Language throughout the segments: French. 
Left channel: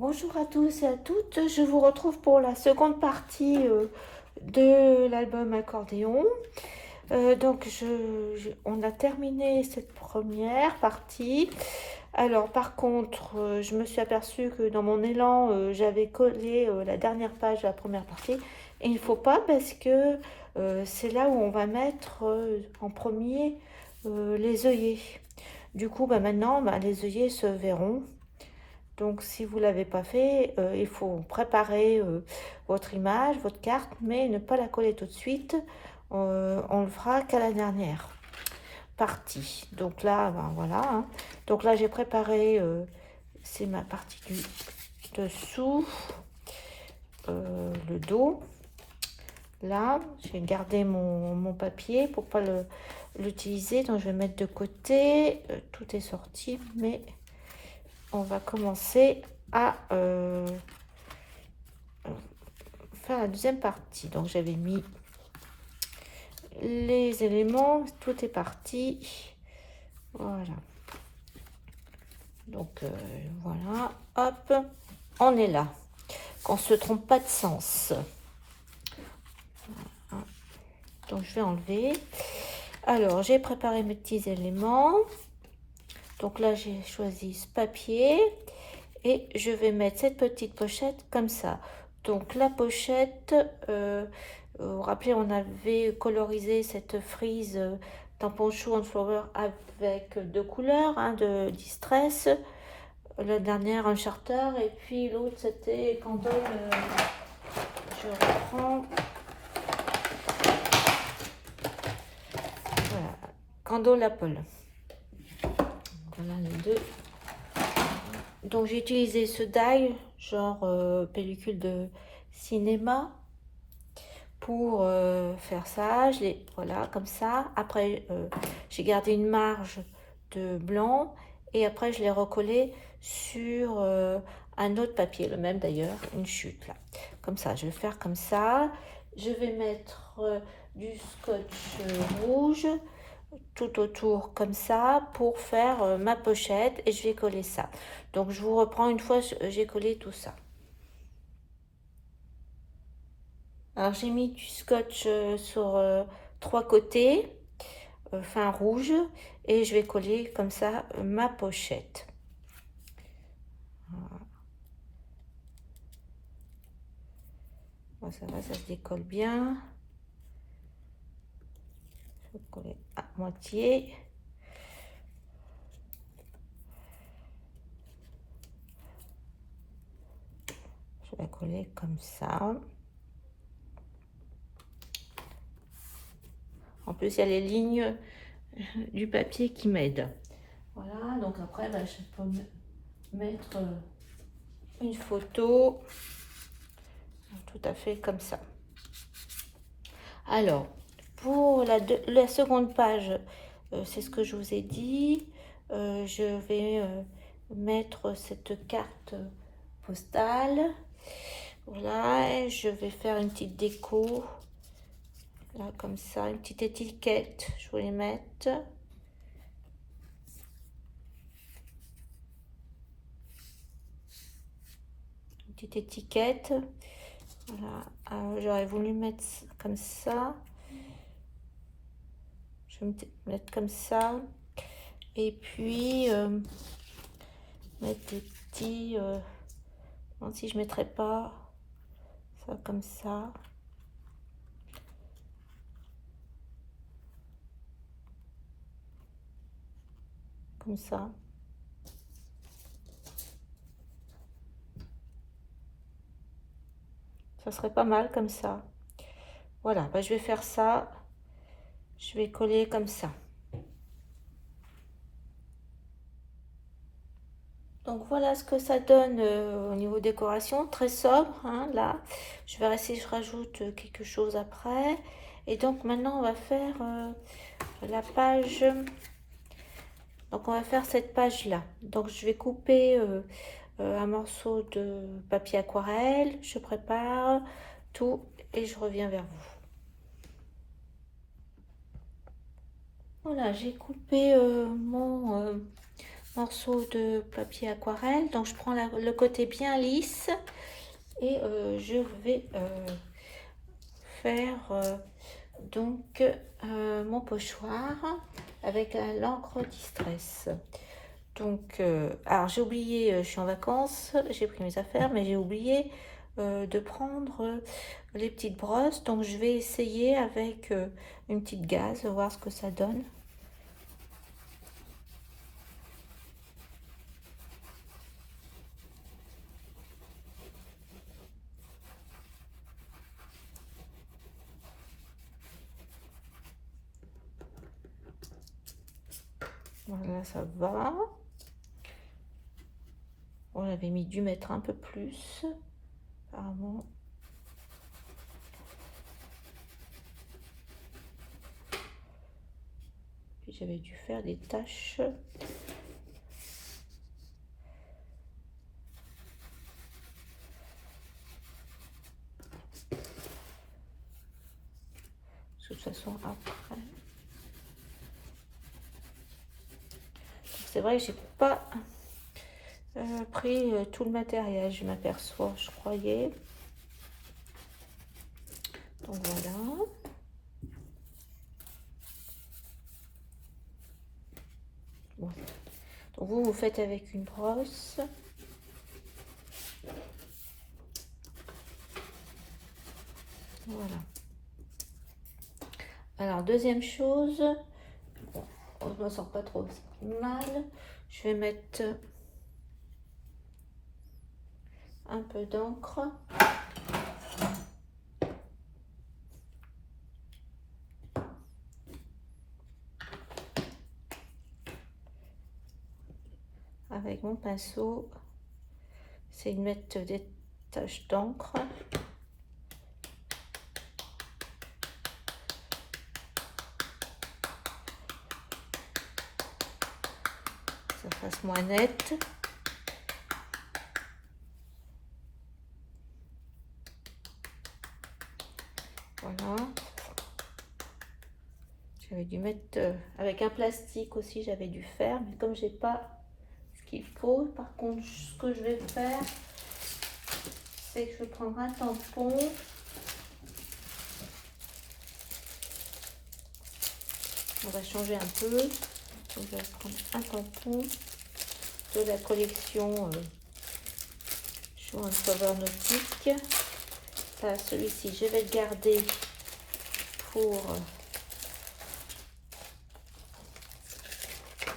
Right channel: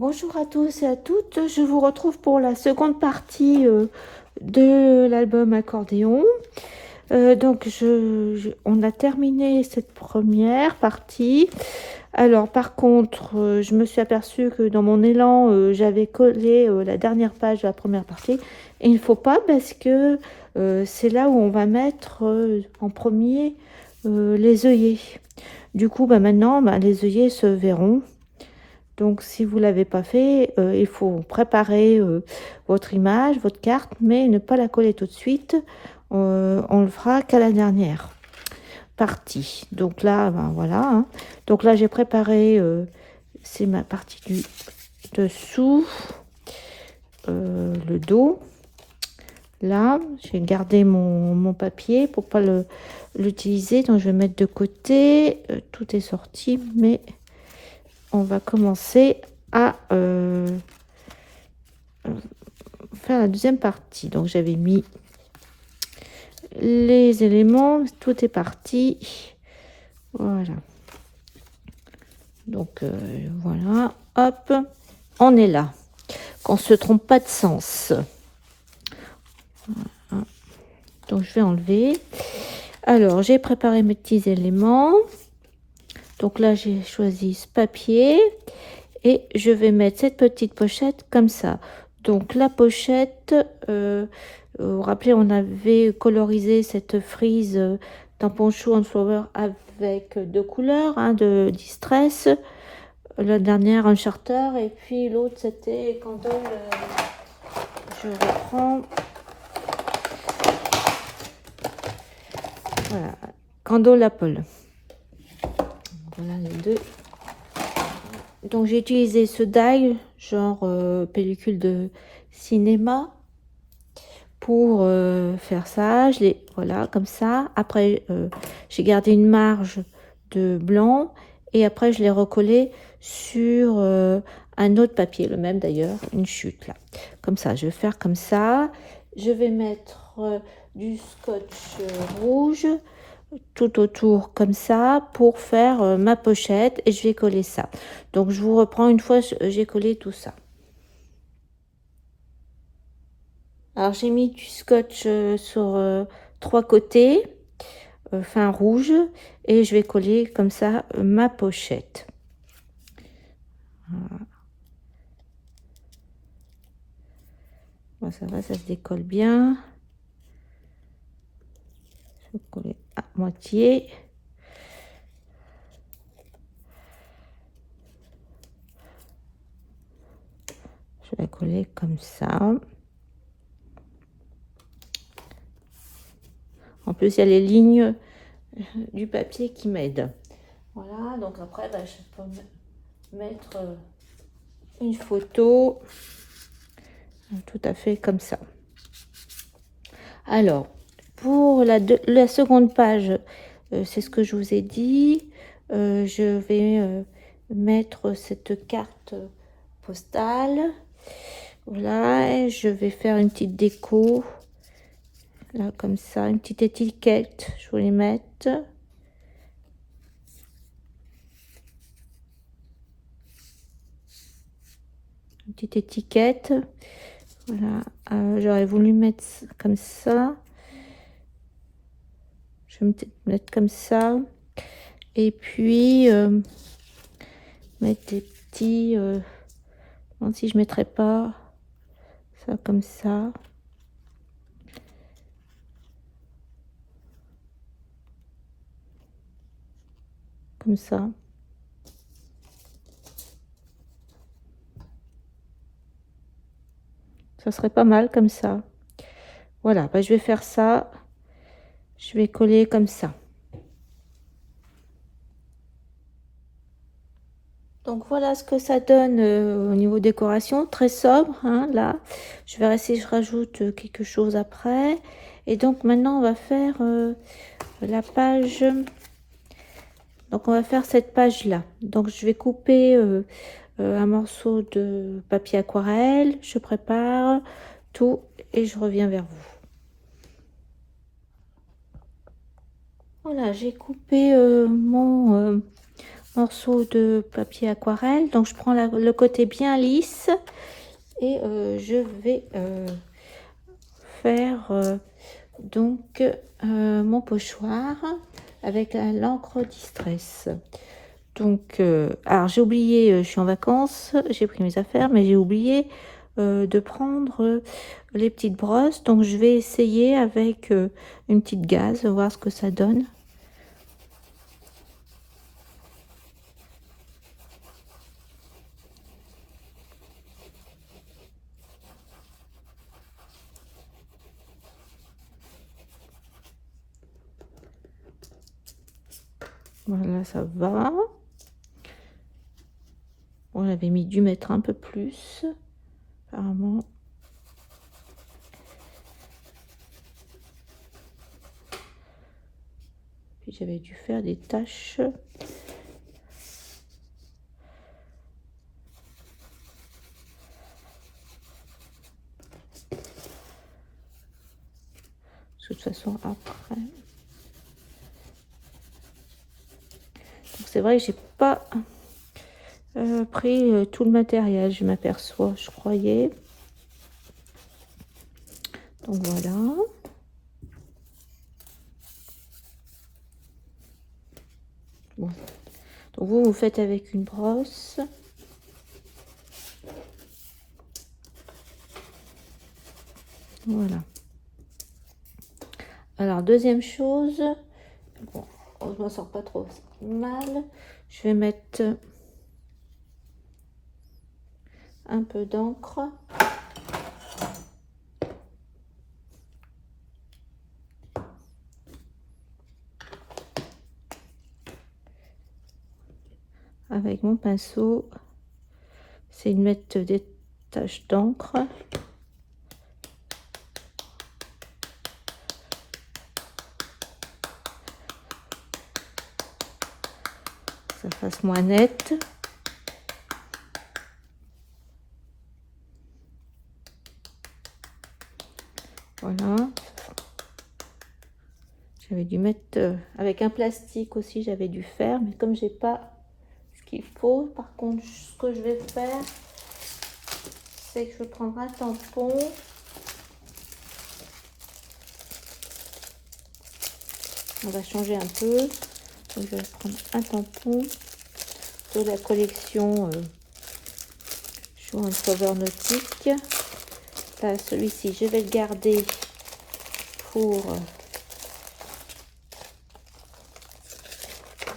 Bonjour à tous et à toutes, je vous retrouve pour la seconde partie de l'album Accordéon. On a terminé cette première partie. Alors par contre, je me suis aperçue que dans mon élan, j'avais collé la dernière page de la première partie. Et il ne faut pas parce que c'est là où on va mettre en premier les œillets. Du coup, maintenant, les œillets se verront. Donc, si vous ne l'avez pas fait, il faut préparer votre image, votre carte, mais ne pas la coller tout de suite. On le fera qu'à la dernière partie. Donc là, voilà. Hein. Donc là, j'ai préparé, c'est ma partie du dessous, le dos. Là, j'ai gardé mon papier pour pas l'utiliser. Donc, je vais mettre de côté. Tout est sorti, mais on va commencer à faire la deuxième partie. Donc j'avais mis les éléments, tout est parti. Voilà. Donc voilà, hop, on est là. Qu'on se trompe pas de sens. Voilà. Donc je vais enlever. Alors j'ai préparé mes petits éléments. Donc là j'ai choisi ce papier et je vais mettre cette petite pochette comme ça. Donc la pochette, vous vous rappelez, on avait colorisé cette frise tampon chou and flower avec deux couleurs, hein, de distress. La dernière, un charter, et puis l'autre c'était candle. Je reprends. Voilà, candle apple. Voilà les deux. Donc j'ai utilisé ce die, genre pellicule de cinéma, pour faire ça. Voilà, comme ça. Après, j'ai gardé une marge de blanc et après je l'ai recollé sur un autre papier, le même d'ailleurs, une chute là. Comme ça, je vais faire comme ça. Je vais mettre du scotch rouge tout autour comme ça pour faire ma pochette et je vais coller ça. Donc je vous reprends une fois j'ai collé tout ça. Alors j'ai mis du scotch sur trois côtés, fin rouge, et je vais coller comme ça ma pochette. Voilà. Bon, ça va, ça se décolle bien. Je vais coller à moitié. Je vais coller comme ça. En plus, il y a les lignes du papier qui m'aident. Voilà, donc après, je peux mettre une photo tout à fait comme ça. Alors, pour la seconde page, c'est ce que je vous ai dit. Je vais mettre cette carte postale. Voilà, et je vais faire une petite déco. Là, comme ça, une petite étiquette. Je vais les mettre. Une petite étiquette. Voilà, j'aurais voulu mettre comme ça. Je vais mettre comme ça. Et puis, mettre des petits... si je ne mettrais pas ça comme ça. Comme ça. Ça serait pas mal comme ça. Voilà, je vais faire ça. Je vais coller comme ça. Donc voilà ce que ça donne au niveau décoration, très sobre, hein, là. Je verrai si je rajoute quelque chose après. Et donc maintenant on va faire la page. Donc on va faire cette page là. Donc je vais couper un morceau de papier aquarelle. Je prépare tout et je reviens vers vous. Voilà, j'ai coupé morceau de papier aquarelle. Donc je prends le côté bien lisse et je vais faire donc mon pochoir avec l'encre Distress. Donc alors j'ai oublié, je suis en vacances, j'ai pris mes affaires, mais j'ai oublié de prendre les petites brosses. Donc je vais essayer avec une petite gaze, voir ce que ça donne. Voilà, ça va. On avait dû mettre un peu plus, apparemment. Puis j'avais dû faire des taches. De toute façon, après. C'est vrai que j'ai pas pris tout le matériel, je m'aperçois, je croyais. Donc voilà. Bon. Donc vous faites avec une brosse. Voilà. Alors deuxième chose, bon, je m'en sors pas trop mal. Je vais mettre un peu d'encre. Avec mon pinceau, c'est de mettre des taches d'encre. Ça fasse moins net. Voilà. J'avais dû mettre avec un plastique aussi, j'avais dû faire, mais comme j'ai pas ce qu'il faut, par contre, ce que je vais faire, c'est que je vais prendre un tampon. On va changer un peu. Donc, je vais prendre un tampon de la collection Show and Cover Nautique. Là, celui-ci, je vais le garder pour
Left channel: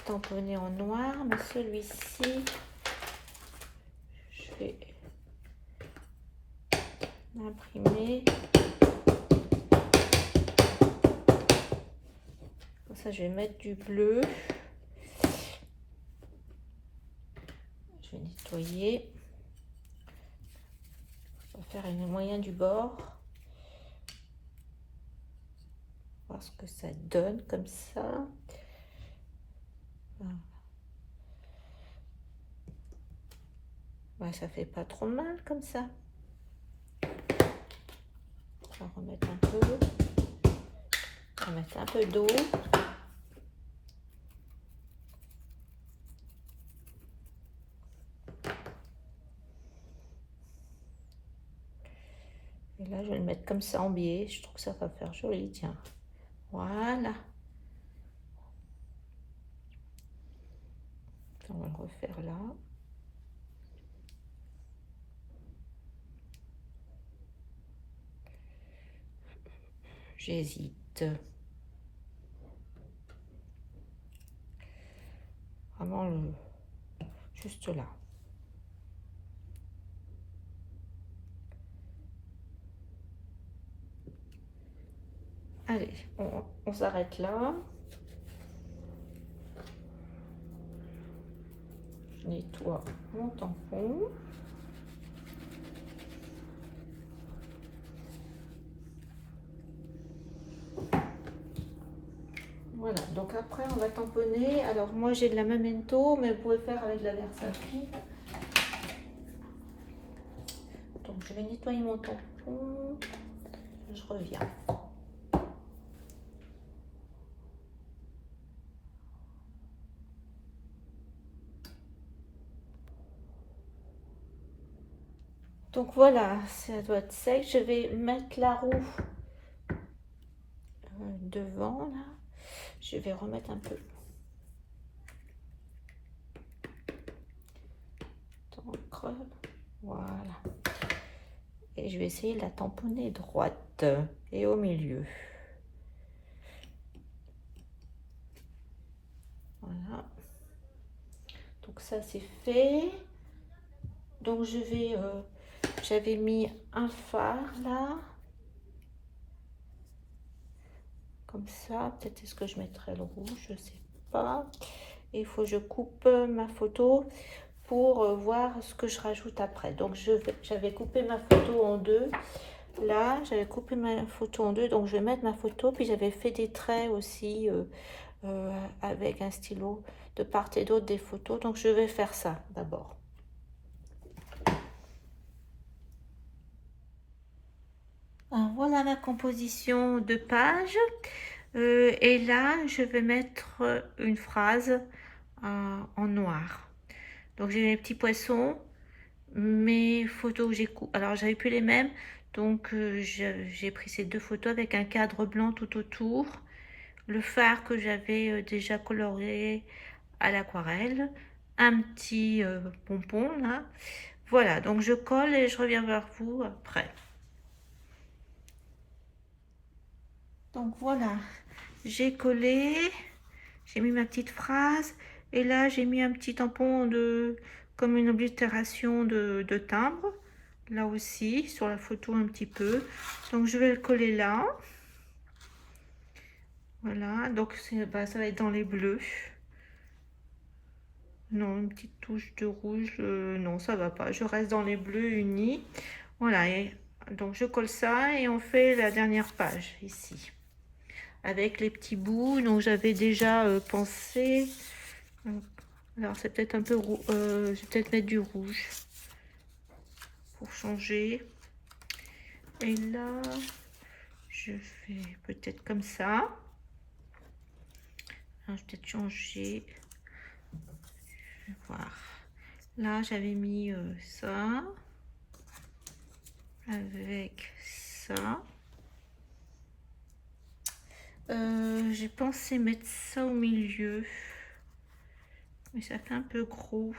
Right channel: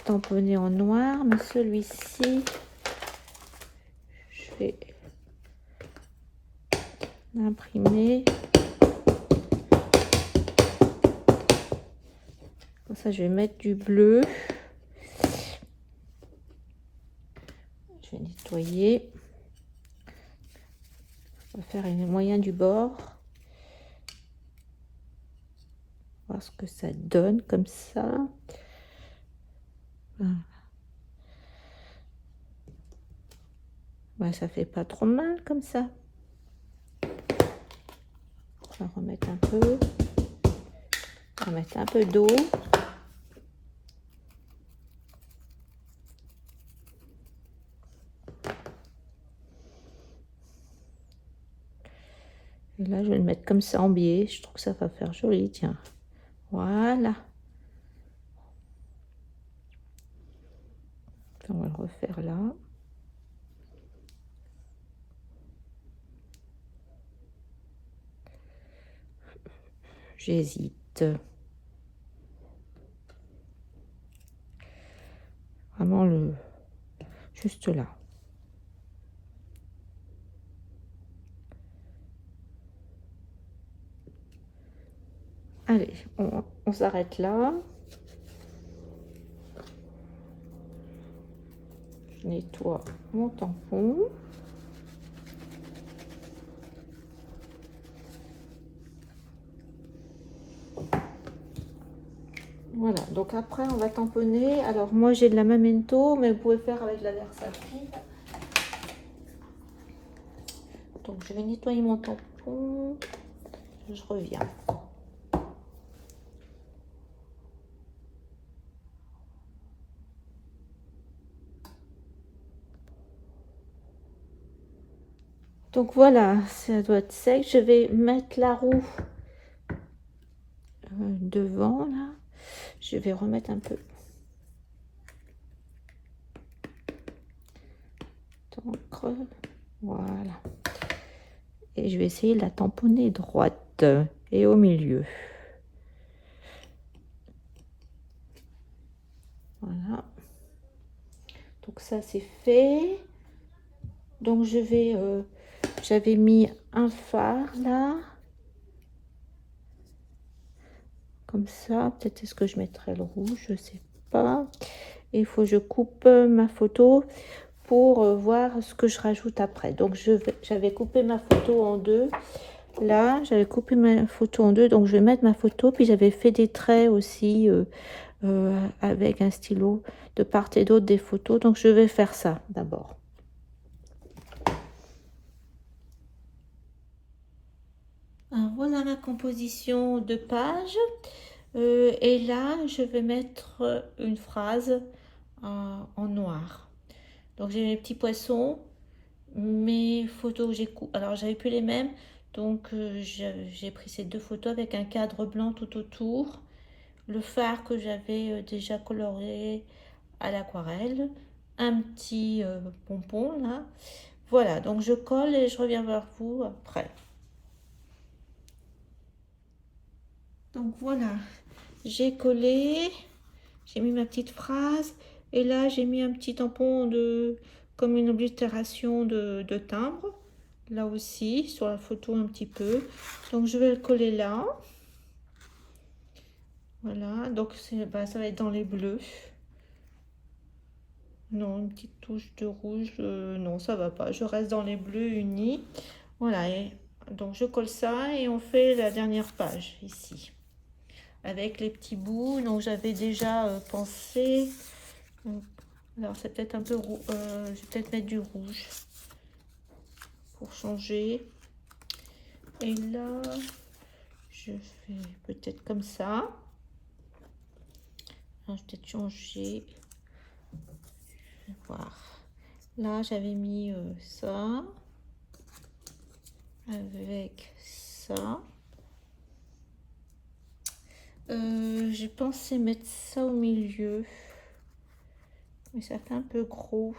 tamponner en noir, mais celui-ci, je vais l'imprimer. Comme ça, je vais mettre du bleu. Je vais nettoyer. On va faire le moyen du bord. Voir ce que ça donne comme ça. Voilà. Ouais, ça fait pas trop mal comme ça. Je vais remettre un peu. On va mettre un peu d'eau. Et là, je vais le mettre comme ça en biais. Je trouve que ça va faire joli, tiens. Voilà. On va le refaire là. J'hésite. Vraiment juste là. Allez, on s'arrête là. Je nettoie mon tampon. Voilà, donc après on va tamponner. Alors moi j'ai de la Memento, mais vous pouvez faire avec de la Versati. Donc je vais nettoyer mon tampon. Je reviens. Donc voilà, ça doit être sec. Je vais mettre la roue devant là. Je vais remettre un peu d'encre. Voilà. Et je vais essayer de la tamponner droite et au milieu. Voilà. Donc ça c'est fait. Donc je vais, j'avais mis un phare là. Comme ça. Peut-être est-ce que je mettrai le rouge, je sais pas. Et il faut que je coupe ma photo pour voir ce que je rajoute après. Donc j'avais coupé ma photo en deux. Là, j'avais coupé ma photo en deux, donc je vais mettre ma photo. Puis j'avais fait des traits aussi avec un stylo de part et d'autre des photos. Donc je vais faire ça d'abord. Voilà ma composition de page. Et là, je vais mettre une phrase en noir. Donc j'ai mes petits poissons, mes photos que j'ai coupées. Alors j'avais plus les mêmes, donc j'ai pris ces deux photos avec un cadre blanc tout autour, le phare que j'avais déjà coloré à l'aquarelle, un petit pompon là. Voilà, donc je colle et je reviens vers vous après. Donc voilà, j'ai collé, j'ai mis ma petite phrase et là j'ai mis un petit tampon de comme une oblitération de timbre, là aussi sur la photo un petit peu. Donc je vais le coller là. Voilà, donc ça va être dans les bleus. Non, une petite touche de rouge, non ça va pas, je reste dans les bleus unis. Voilà, et donc je colle ça et on fait la dernière page ici avec les petits bouts. Donc j'avais déjà pensé, alors c'est peut-être un peu je vais peut-être mettre du rouge pour changer. Et là je fais peut-être comme ça. Alors, je vais peut-être changer, je vais voir. Là j'avais mis ça avec ça. J'ai pensé mettre ça au milieu, mais ça fait un peu gros.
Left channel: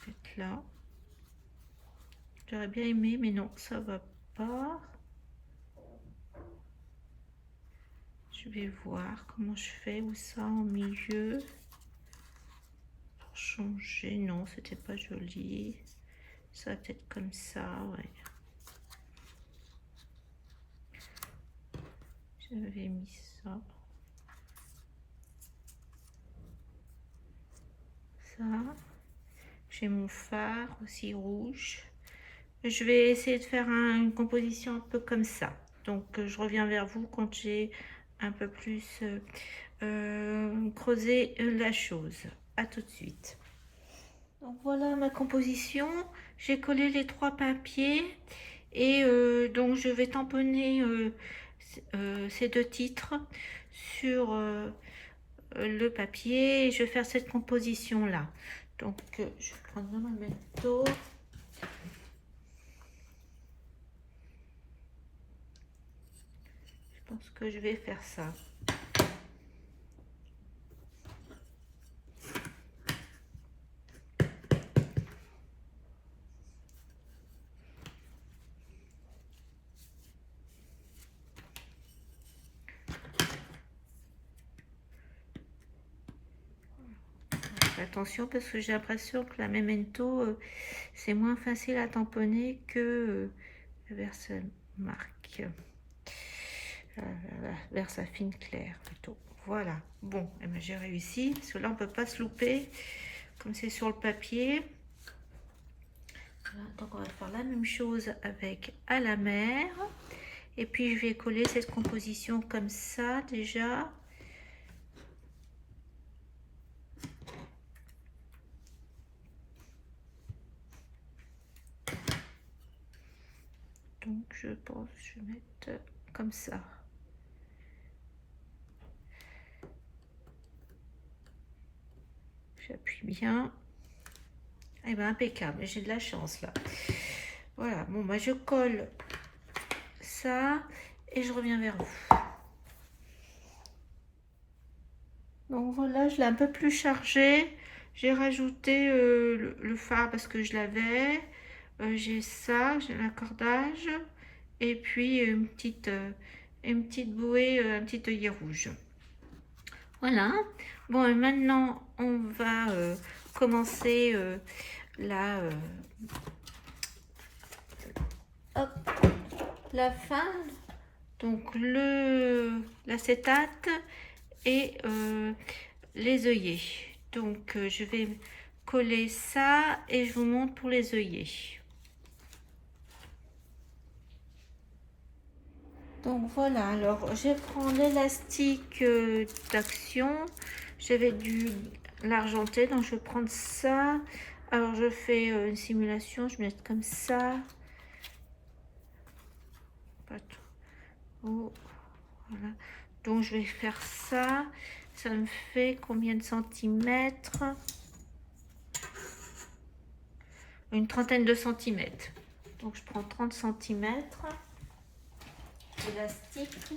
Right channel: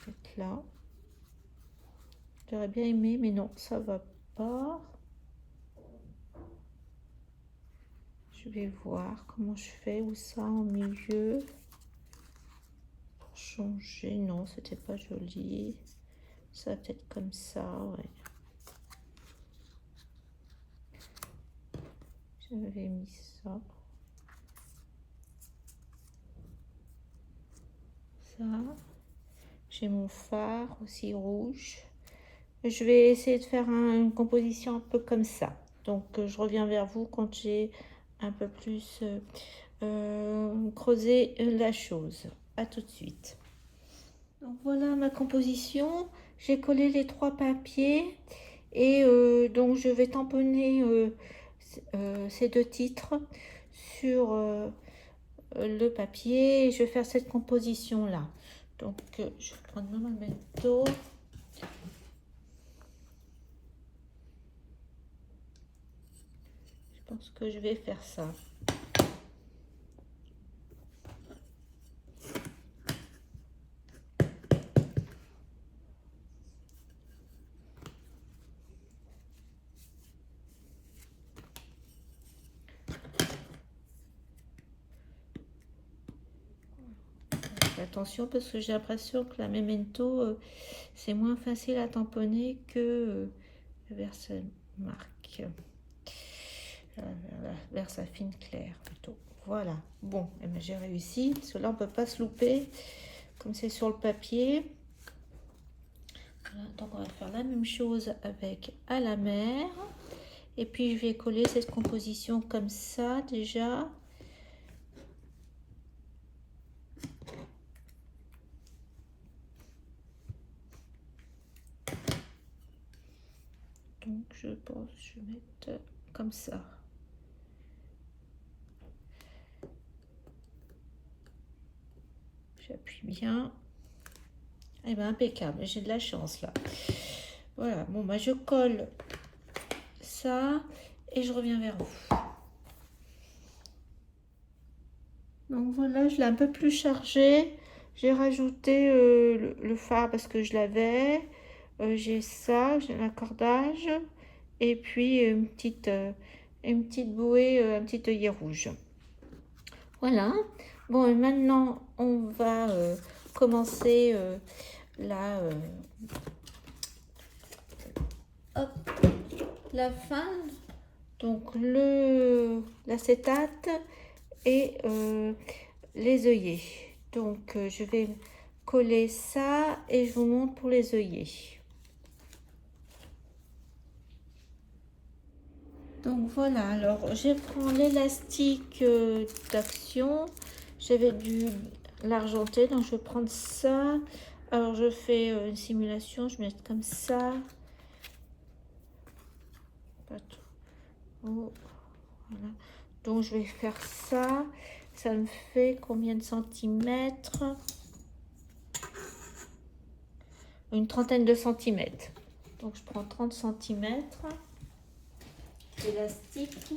Peut-être là. J'aurais bien aimé, mais non, ça va pas. Je vais voir comment je fais, où ça en milieu pour changer. Non, c'était pas joli. Ça va peut-être comme ça, ouais. J'avais mis ça. Ça. J'ai mon phare aussi rouge. Je vais essayer de faire une composition un peu comme ça. Donc je reviens vers vous quand j'ai un peu plus creusé la chose. À tout de suite. Donc voilà ma composition. J'ai collé les trois papiers et donc je vais tamponner ces deux titres sur le papier et je vais faire cette composition là. Donc je vais prendre mon memento. Je pense que je vais faire ça. Attention parce que j'ai l'impression que la memento c'est moins facile à tamponner que la Versamark, Versafine claire plutôt. Voilà, bon, eh ben, j'ai réussi parce que là on peut pas se louper comme c'est sur le papier. Voilà, donc on va faire la même chose avec à la mer et puis je vais coller cette composition comme ça déjà. Donc je pense que je vais mettre comme ça. J'appuie bien. Eh ben impeccable, j'ai de la chance là. Voilà, bon bah je colle ça et je reviens vers vous. Donc voilà, je l'ai un peu plus chargé. J'ai rajouté le fard parce que je l'avais. J'ai ça, j'ai l'accordage. Et puis une petite bouée, un petit œillet rouge. Voilà. Bon, et maintenant, on va commencer la, hop, la fin. Donc, l'acétate et les œillets. Donc, je vais coller ça et je vous montre pour les œillets. Donc voilà, alors je prends l'élastique d'action. J'avais dû l'argenter, donc je vais prendre ça. Alors je fais une simulation, je mets comme ça. Pas trop. Voilà. Donc je vais faire ça. Ça me fait combien de centimètres? Une trentaine de centimètres. Donc je prends 30 centimètres d'élastique.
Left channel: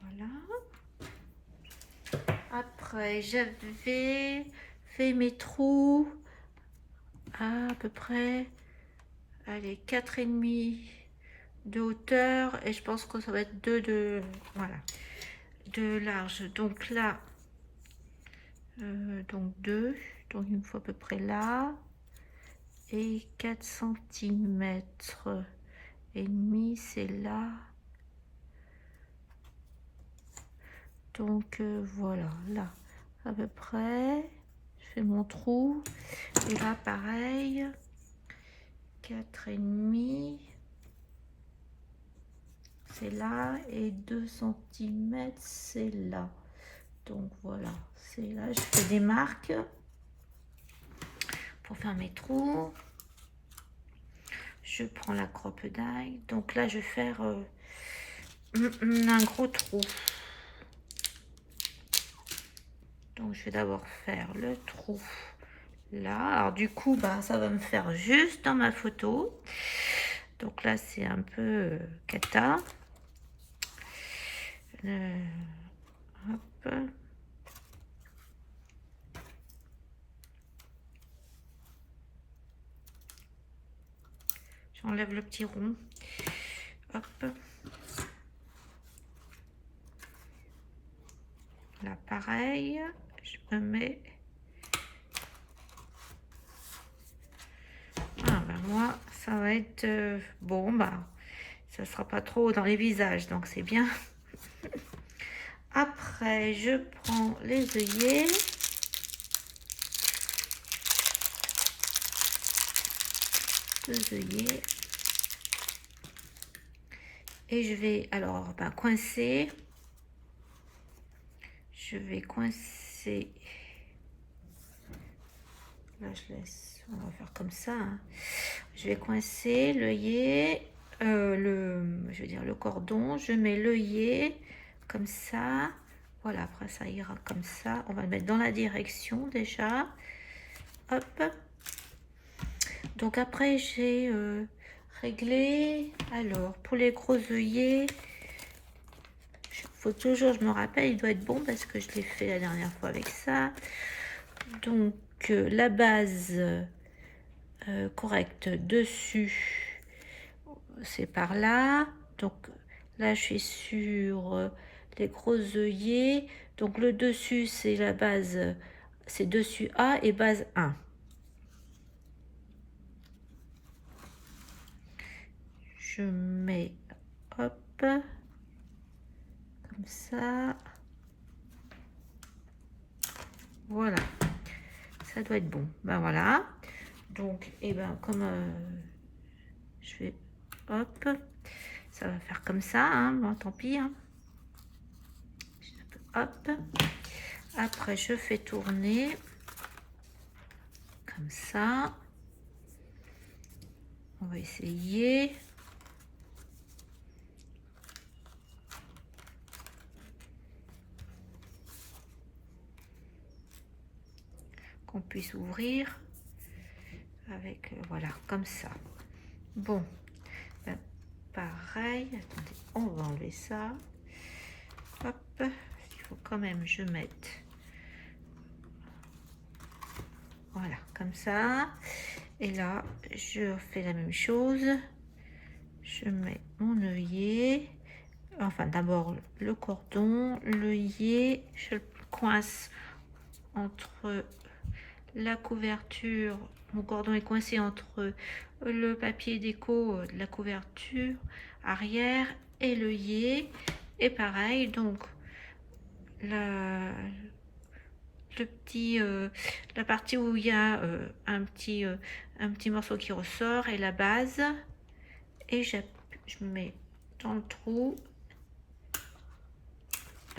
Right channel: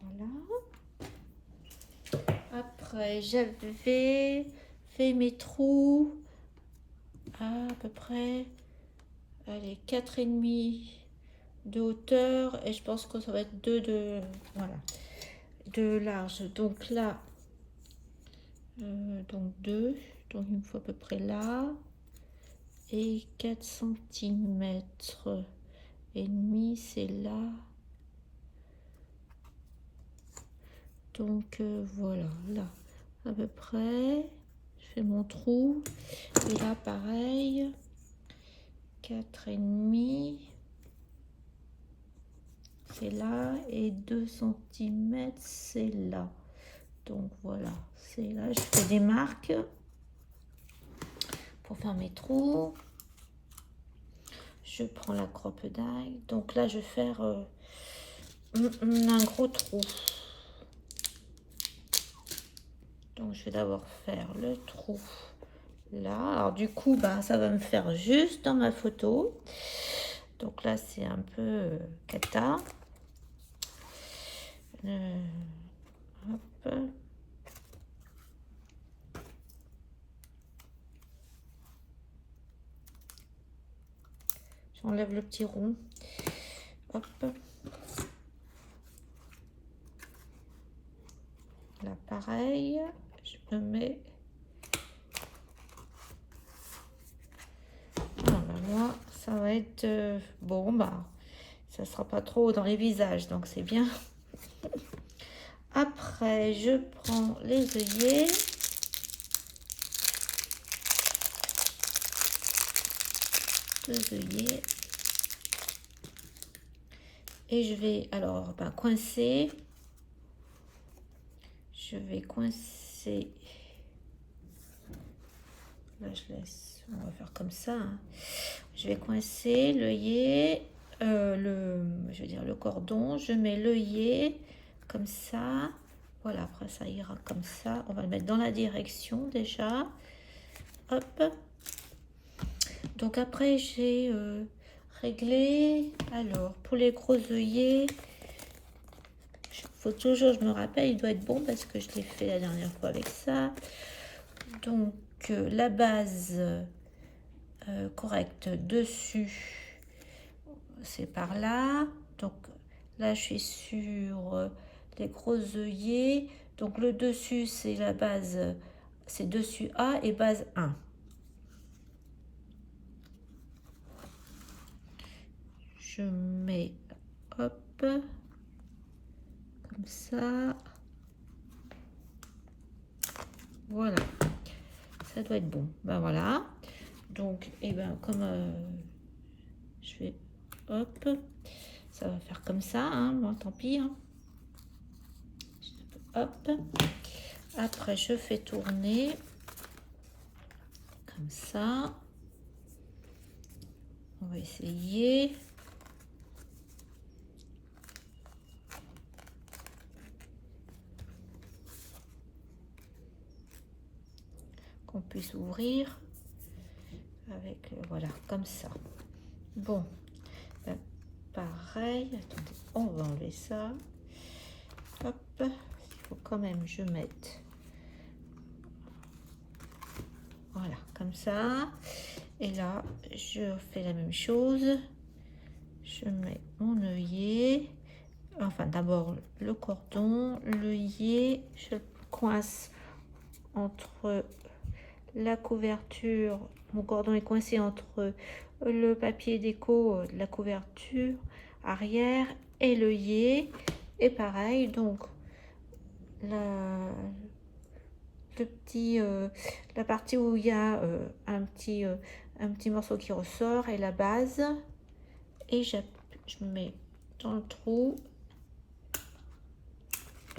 Voilà. Après, j'avais fait mes trous à peu près, allez, 4,5 de hauteur et je pense que ça va être 2 voilà, de large. Donc là, donc 2, donc il me faut à peu près là et 4 centimètres et demi, c'est là. Donc voilà, là à peu près, je fais mon trou et là pareil, 4,5, c'est là et 2 centimètres, c'est là. Donc voilà, c'est là, je fais des marques pour faire mes trous. Je prends la croppe d'ail, donc là je vais faire un gros trou. Donc je vais d'abord faire le trou là. Alors du coup, bah, ça va me faire juste dans ma photo. Donc là, c'est un peu cata. Hop. J'enlève le petit rond. Hop. Là, pareil. Je me mets... Ah, bah moi, ça va être... bon, bah, ça sera pas trop dans les visages, donc c'est bien. Après, je prends les œillets. Deux œillets. Et je vais alors coincer. Je vais coincer. Là, je laisse. On va faire comme ça. Hein. Je vais coincer l'œillet, je veux dire le cordon. Je mets l'œillet comme ça. Voilà, après ça ira comme ça. On va le mettre dans la direction déjà. Hop. Donc après, j'ai réglé. Alors, pour les gros œillets, faut toujours, je me rappelle, il doit être bon parce que je l'ai fait la dernière fois avec ça. Donc, la base correcte dessus, c'est par là. Donc là, je suis sur les gros œillets. Donc le dessus, c'est la base, c'est dessus A et base 1. Je mets, hop, comme ça. Voilà, ça doit être bon. Ben voilà. Donc, et ben comme je vais, hop, ça va faire comme ça. Hein, bon, tant pis. Hein. Hop. Après, je fais tourner comme ça. On va essayer. Qu'on puisse ouvrir avec, voilà, comme ça. Bon, ben, pareil, attendez, on va enlever ça. Hop, il faut quand même je mette, voilà, comme ça. Et là, je fais la même chose. Je mets mon œillet, enfin d'abord le cordon, l'œillet, je le coince entre la couverture, mon cordon est coincé entre le papier déco de la couverture arrière et l'œillet, et pareil, donc la partie où il y a un petit morceau qui ressort et la base, et je mets dans le trou,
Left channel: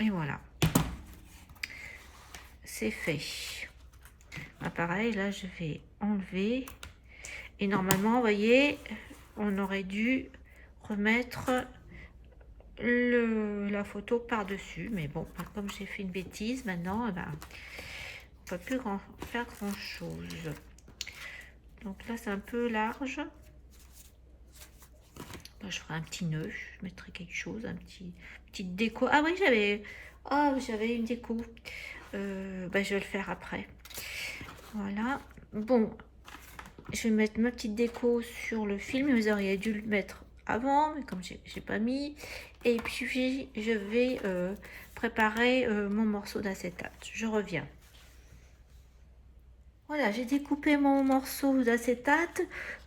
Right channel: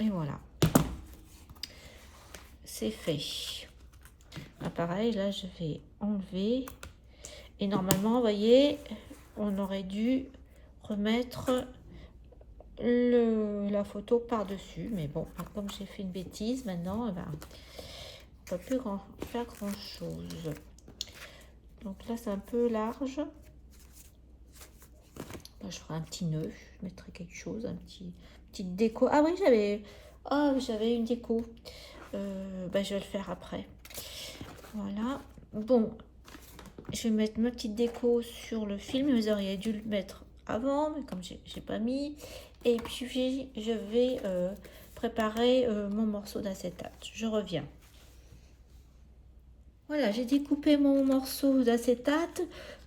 et voilà, c'est fait. Pareil, là je vais enlever, et normalement vous voyez, on aurait dû remettre la photo par dessus, mais bon, comme j'ai fait une bêtise maintenant, ben, on peut plus faire grand chose. Donc là c'est un peu large, ben, je ferai un petit nœud, je mettrai quelque chose, un petit déco. Ah oui, j'avais une déco, ben, je vais le faire après. Voilà, bon, je vais mettre ma petite déco sur le film. Vous auriez dû le mettre avant, mais comme j'ai pas mis. Et puis je vais préparer mon morceau d'acétate. Je reviens. Voilà, j'ai découpé mon morceau d'acétate.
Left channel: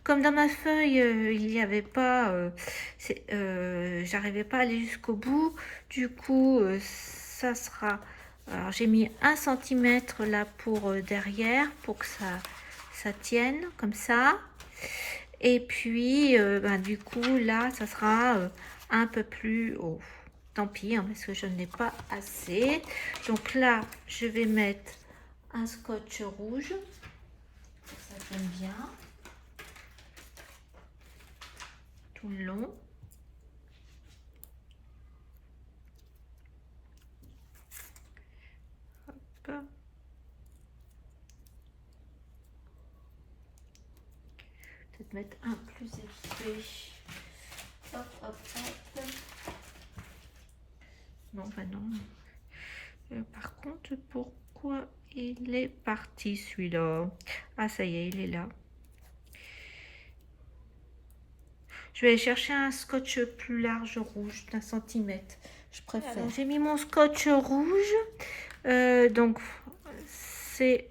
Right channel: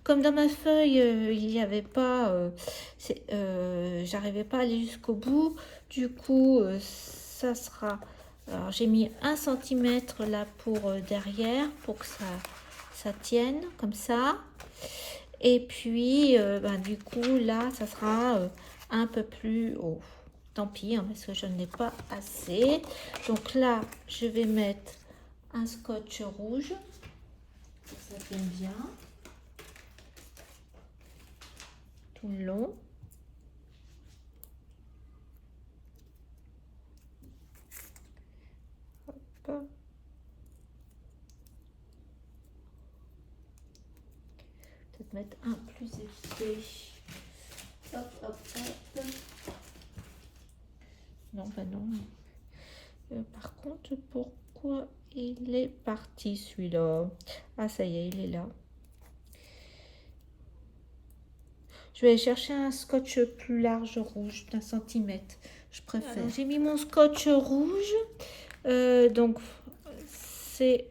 Comme dans ma feuille, il n'y avait pas, j'arrivais pas à aller jusqu'au bout. Du coup, ça sera. Alors j'ai mis 1 cm là pour derrière, pour que ça tienne comme ça. Et puis ben, du coup là ça sera un peu plus haut. Tant pis, hein, parce que je n'ai pas assez. Donc là je vais mettre un scotch rouge, ça j'aime bien, tout le long. Hop. Peut-être mettre un plus épais. Hop, hop, hop. Non, bah non. Par contre, pourquoi il est parti celui-là? Ah, ça y est, il est là. Je vais aller chercher un scotch plus large rouge d'1 centimètre. Je préfère. J'ai mis mon scotch rouge. Donc, c'est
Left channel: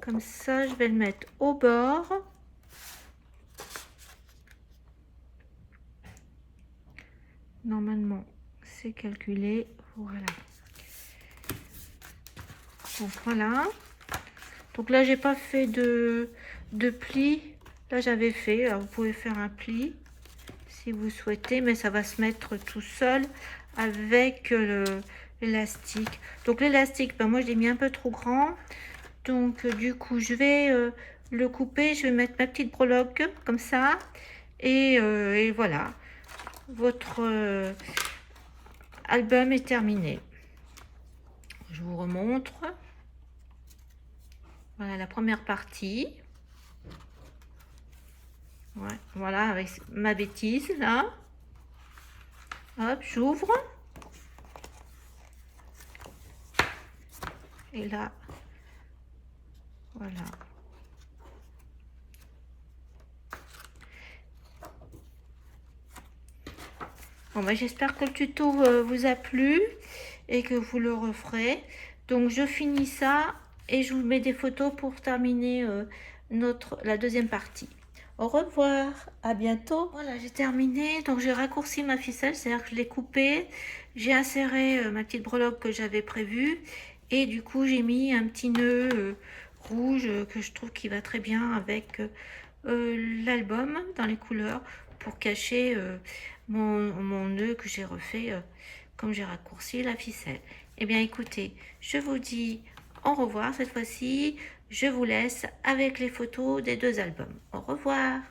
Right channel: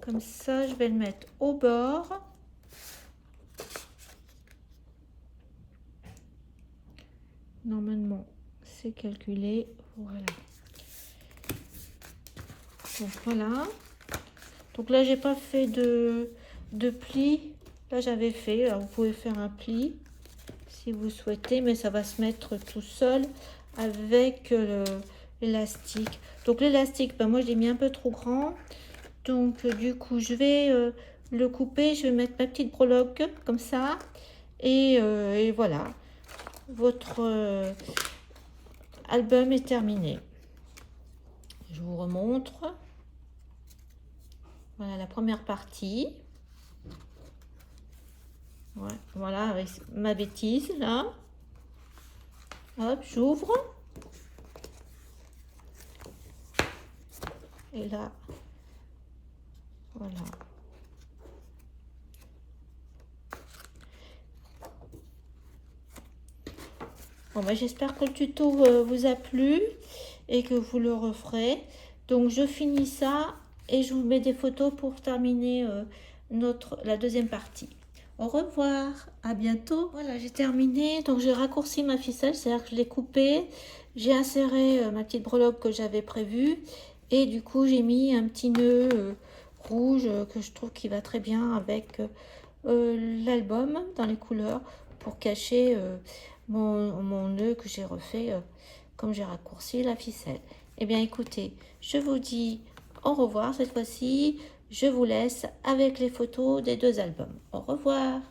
comme ça. Je vais le mettre au bord. Normalement, c'est calculé. Voilà. Donc, voilà. Donc là, j'ai pas fait de pli. Là, j'avais fait. Alors, vous pouvez faire un pli si vous souhaitez, mais ça va se mettre tout seul avec l'élastique. Donc l'élastique, ben, moi je l'ai mis un peu trop grand, donc du coup je vais le couper. Je vais mettre ma petite breloque comme ça, et voilà, votre album est terminé. Je vous remontre. Voilà la première partie. Ouais, voilà, avec ma bêtise là. Hop, j'ouvre. Et là, voilà. Bon, ben, j'espère que le tuto vous a plu et que vous le referez. Donc, je finis ça et je vous mets des photos pour terminer la deuxième partie. Au revoir, à bientôt. Voilà, j'ai terminé. Donc, j'ai raccourci ma ficelle, c'est-à-dire que je l'ai coupée. J'ai inséré ma petite breloque que j'avais prévue. Et du coup, j'ai mis un petit nœud rouge que je trouve qui va très bien avec l'album dans les couleurs pour cacher mon nœud que j'ai refait comme j'ai raccourci la ficelle. Eh bien, écoutez, je vous dis au revoir cette fois-ci. Je vous laisse avec les photos des 2 albums. Au revoir.